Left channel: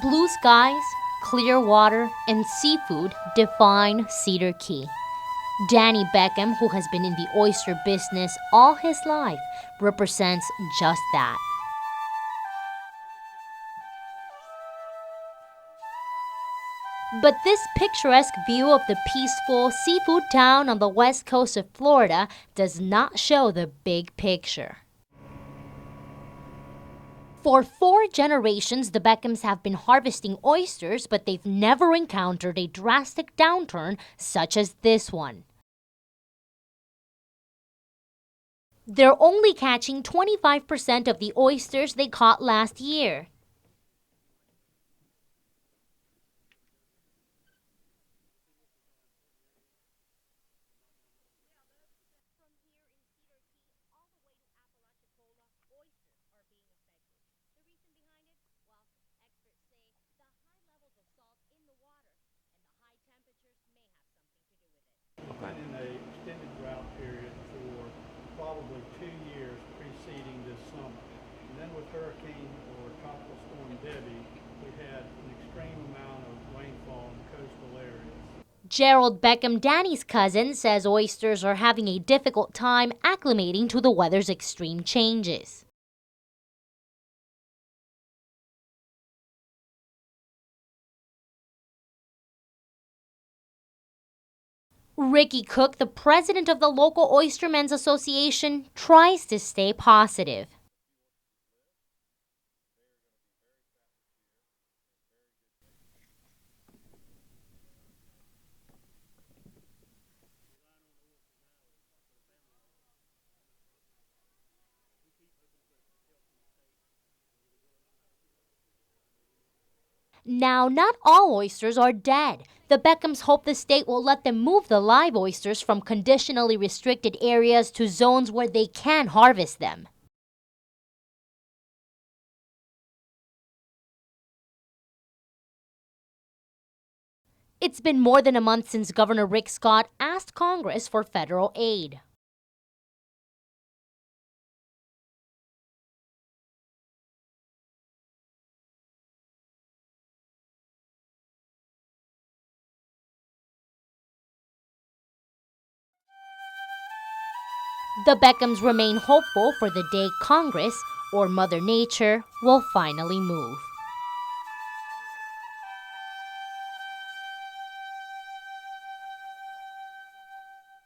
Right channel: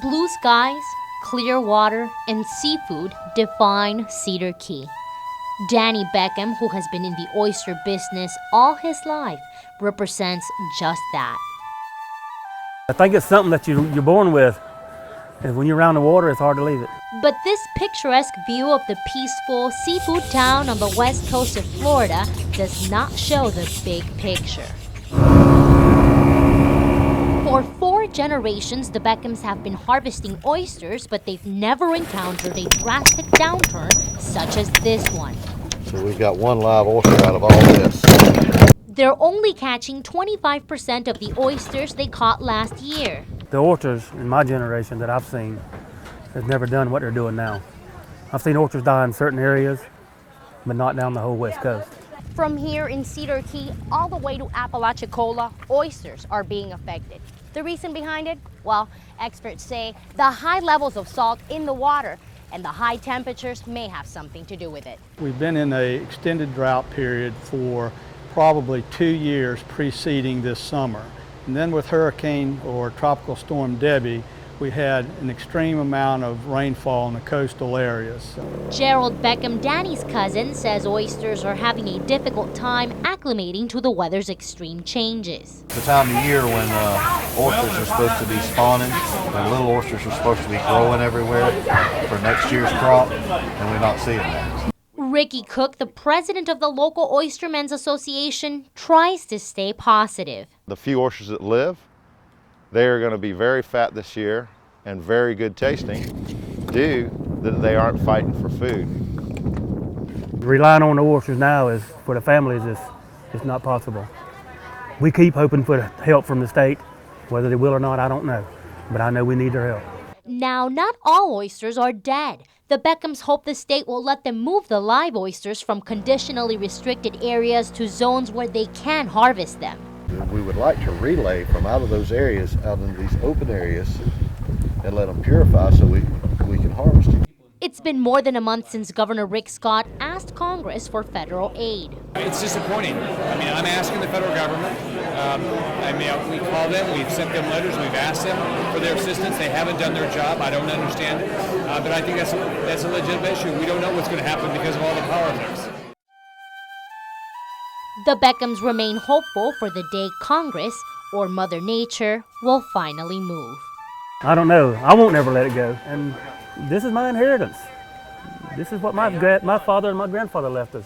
Blue skies, clear water, and seafood define Cedar Key. Danny Beckham, who has been in the oyster business all his life, represents just that. I think it's something that you're born with. And when you're around the water, it's hard to leave it. But this picturesque view of the peaceful seafood town on the west coast of Florida does not show the big picture. For 4 generations, the Beckhams have been harvesting oysters, but they've never encountered a drastic downturn such as this one. So we've got one live oyster out of all this. They're only catching 25% of the oysters they caught last year. The oysters in my generation that I've seen has never done what they're doing now. I've seen oysters die in certain areas, but not down the whole west coast. From here in Cedar Key all the way to Apalachicola, oysters are being affected. The reason behind it? Well, experts say the high levels of salt in the water and the high temperatures may have something to do with it. We've been in an extended drought period for probably 2 years preceding this summer. And then with Hurricane or Tropical Storm Debbie, we had an extreme amount of rainfall in the coastal areas. Gerald Beckham, Danny's cousin, says oysters are having a difficult time acclimating to the weather's extreme changes. It's the time of year when oysters are supposed to be spawning, and little oysters are supposed to be growing everywhere for next year's crop, and we're not seeing that. Ricky Cook, the president of the local Oystermen's Association, tries to stay positive. The few oysters that live, they are going to be very fat this year and very good tasting due that they aren't fighting for food. Relying on the oysters now is for the families is not possible. We keep hoping for help from the state. Whether they will or not, I don't know. But I know we need their help. Now, not all oysters are dead. The Beckhams hope the state will let them move the live oysters from conditionally restricted areas to zones where they can harvest them. We would like to relay from out of those areas out into these open areas and let them purify so we can harvest them. It's been more than a month since Governor Rick Scott asked Congress for federal aid. It's disappointing. I'm asking the federal government. We called them, we've sent them letters, we've asked them for their assistance. They haven't done their job. I don't understand it. But I think that's a legitimate issue. We don't know what's going to happen because of all the politics. The Beckhams remain hopeful for the day Congress, or Mother Nature, will finally move. I don't know. I won't never let it go. And this is my inheritance. This is what my father and my grandfather left us.